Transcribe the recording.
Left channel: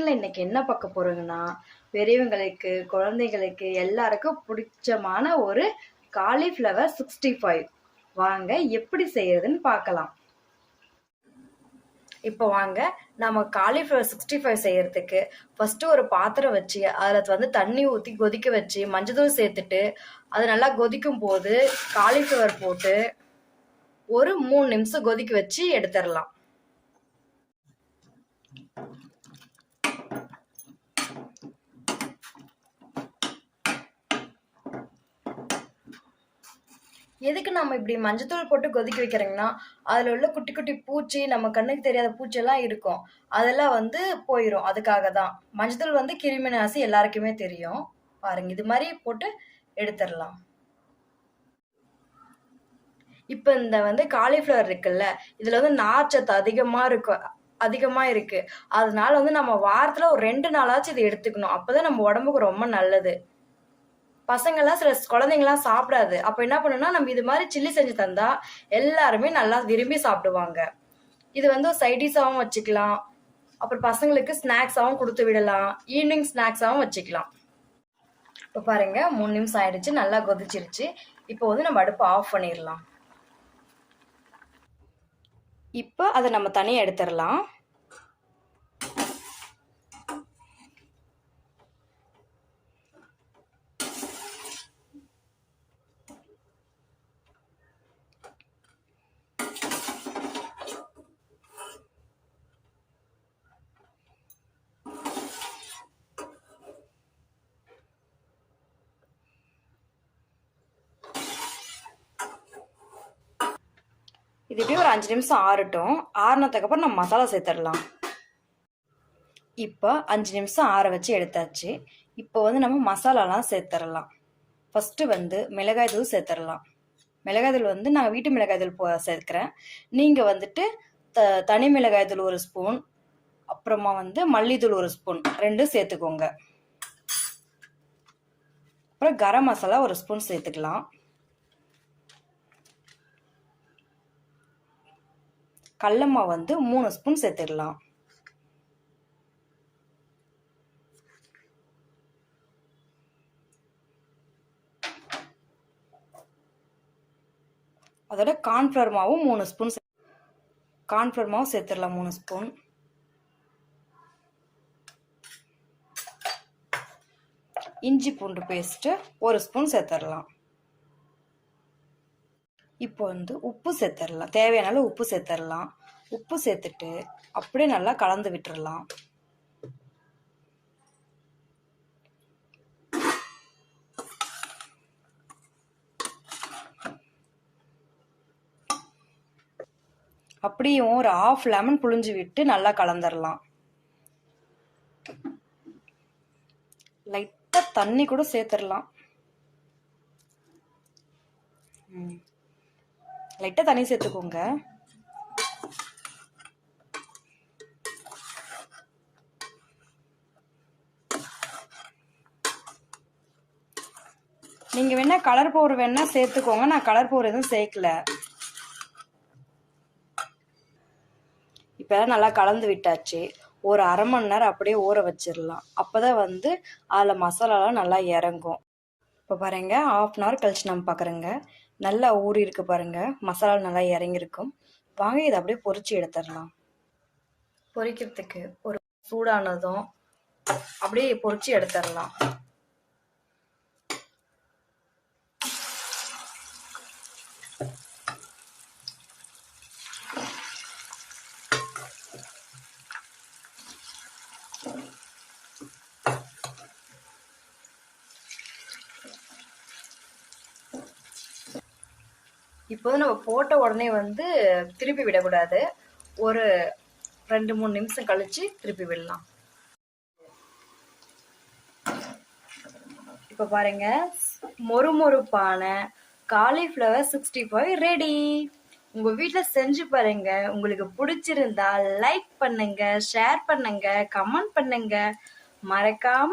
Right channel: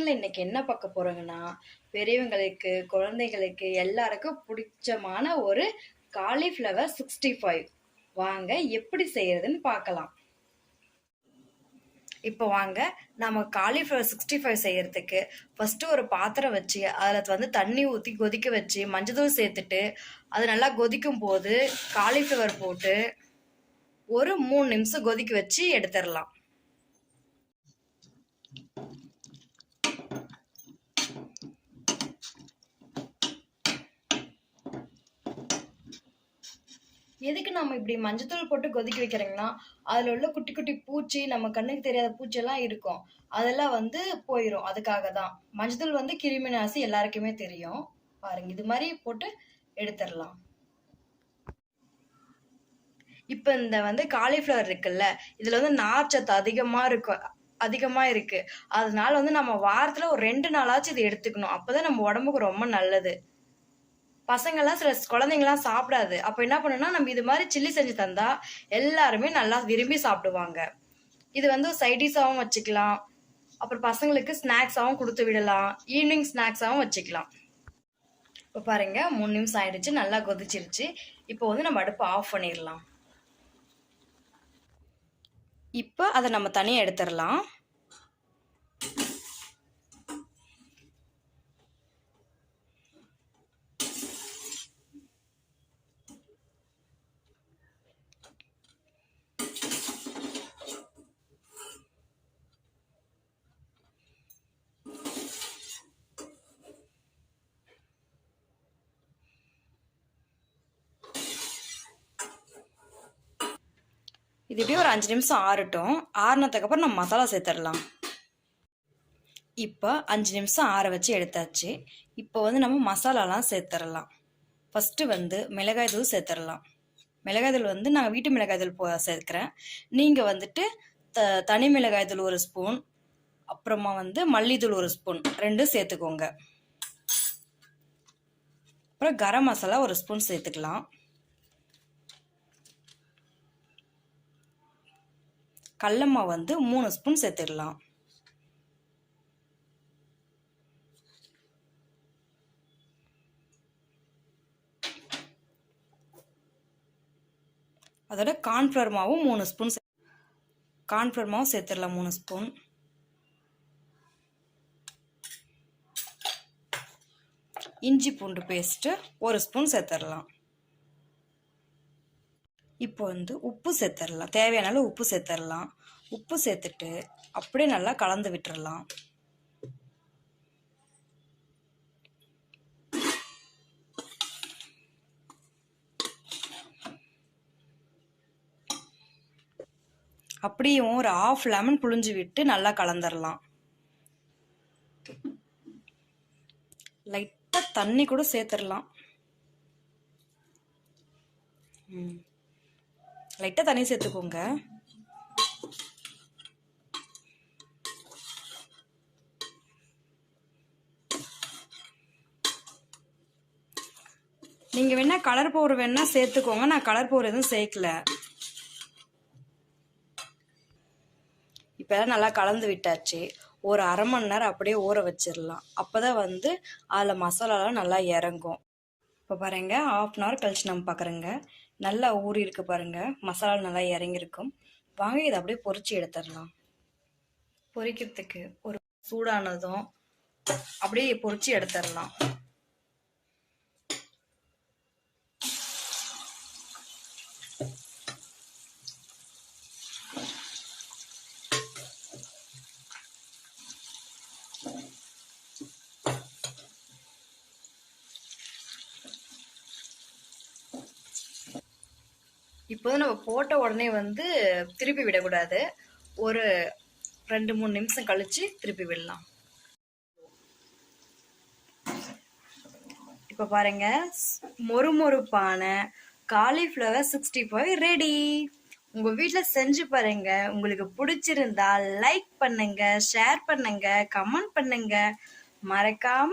கிச்சனில் இன்னைக்கு என்ன பார்க்க போகிறோங்கன்னா, பெரியவங்களுக்கு குழந்தைகளுக்கு எல்லாருக்கும் பிடிச்சமான ஒரு காலிஃப்ளவர் 65. வாங்க எப்படி செய்யறதுன்னு பார்க்கலாம். இப்போ வாங்க நம்ம காலிஃப்ளவர் 65 செய்யறதுக்கு ஃபர்ஸ்ட் ஒரு பாத்திரம் வச்சு அதில் தண்ணி ஊற்றி கொதிக்க வச்சு மஞ்சள் சேர்த்துட்டு அது நல்லா கொதிக்கும் போது காலிஃப்ளவர் போட்டு ஒரு 3 நிமிஷம் கொதிக்க வச்சு எடுத்துடலாம். எதுக்கு நம்ம இப்படி மஞ்சத்தூள் போட்டு கொதிக்க வைக்கிறோங்கன்னா, அதில் உள்ள குட்டி குட்டி பூச்சி, நம்ம கண்ணுக்கு தெரியாத பூச்செல்லாம் இருக்கும், அதெல்லாம் போயிடும். அதுக்காக தான் மஞ்சத்தூள் கிருமி நாசி எல்லாருக்குமே தெரியும். பாருங்க, இது மாதிரி போட்டு எடுத்துடலாம். இப்போ இந்த காலிஃப்ளவர் இருக்குல்ல, இதில் நார்ச்சத்து அதிகமாக இருக்கு. அதனால நம்ம வாரத்தில் ஒரு 2 நாளாச்சும் இது எடுத்துக்கணும். அப்போதான் நம்ம உடம்புக்கு ரொம்ப நல்லது. பசங்கள்லாம் சில குழந்தைங்கலாம் சாப்பிடாது. அப்போ என்ன பண்ணணும்னா, நம்ம இது மாதிரி சில்லி செஞ்சு தந்தா எல்லாருமே நல்லா விரும்பி சாப்பிடுவாங்க. இது சைடிஷாகவும் வச்சுக்கலாம். அப்புறம் பசங்களுக்கு ஸ்நாக்ஸாகவும் கொடுத்து விடலாம். ஈவினிங் ஸ்நாக்ஸாகவும் வச்சுக்கலாம். இப்போ பாருங்க, 3 நிமிஷம் ஆயிடுச்சு, நல்லா கொதிச்சிருச்சு. இப்போ நம்ம அடுப்பை ஆஃப் பண்ணிடலாம். இப்போ அதை நம்ம தனியாக எடுத்துடலாம். இது இப்படியே ஒரு 5 நிமிஷம் ஆறட்டும். ஆறுனதுக்கப்புறம் நம்ம மசாலா சேர்த்துடலாம். இப்போ 5 நிமிஷம் ஆற வச்சு எடுத்தாச்சு. இப்போ நம்ம மசாலாலாம் சேர்த்துடலாம். ஃபஸ்ட்டு மிளகாய் தூள் சேர்த்துடலாம். மிளகாய் தூள் நான் வீட்டு மிளகாய் தூள் சேர்க்குறேன். நீங்கள் தனி மிளகாய் தூள் 1 ஸ்பூன், அப்புறமா மல்லித்தூள் 1 ஸ்பூன், 2 சேர்த்துக்கோங்க. அப்புறம் கரம் மசாலா 1 ஸ்பூன் சேர்த்துக்கலாம். கடலமா 3 ஸ்பூன் சேர்த்துடலாம். அதோட கார்ன்ஃப்ளவர் மாவும் 3 ஸ்பூன், கார்ன்ஃப்ளவர் மாவு சேர்த்துடலாம் 3 ஸ்பூன். இஞ்சி பூண்டு பேஸ்ட்டு 1 ஸ்பூன் சேர்த்துடலாம். இப்போ உப்பு சேர்த்துடலாம். தேவையான உப்பு சேர்த்துடலாம். உப்பு சேர்த்துட்டு அப்படியே நல்லா கலந்து விட்டுடலாம். அப்படியும் ஒரு 1/2 லெமன் புழிஞ்சு விட்டு நல்லா கலந்துடலாம். லைட்டாக தண்ணி கூட சேர்த்துடலாம். லைட்டாக தண்ணி சேர்த்துக்கோங்க. நீங்கள் வேணா கலர் பவுடர் வேணா சேர்த்துக்கோங்க. நான் கலர் பவுடர் எதுவும் சேர்க்கல. இப்போ நல்லா கலந்து விட்டாச்சு. ஒரு 1/2 மணி நேரம் அப்படியே ஊற வச்சிடலாம். அப்போதான் அதில் மசாலாலாம் நல்லா இறங்கும். இப்போ பாருங்க, 1/2 அன் ஹவர் கழிச்சு நம்ம பார்க்குறோங்க. நல்லா ஊறி இருக்கு பாருங்க, மசாலா நல்லா இறங்கியிருக்கும். வாங்க இதை அப்படியே பொரிச்சு எடுத்துடலாம். பொரிக்கிறதுக்கு ஒரு சூடானதும் அப்படியே பொரிச்சு எடுத்துடலாம். இப்போ நம்ம போட்ட உடனே திருப்பி விடக்கூடாது. ஒரு 2-3 நிமிஷம் கழிச்சு திருப்பி விடலாம். இப்போ பாருங்க, மொறுமொறுப்பான காலிஃப்ளவர் 65 ரெடி. உங்க வீட்டில் செஞ்சு பாருங்க. உங்களுக்கு பிடிச்சிருந்தா லைக் பண்ணுங்க, ஷேர் பண்ணுங்க, கமெண்ட் பண்ணுங்க. மறக்காம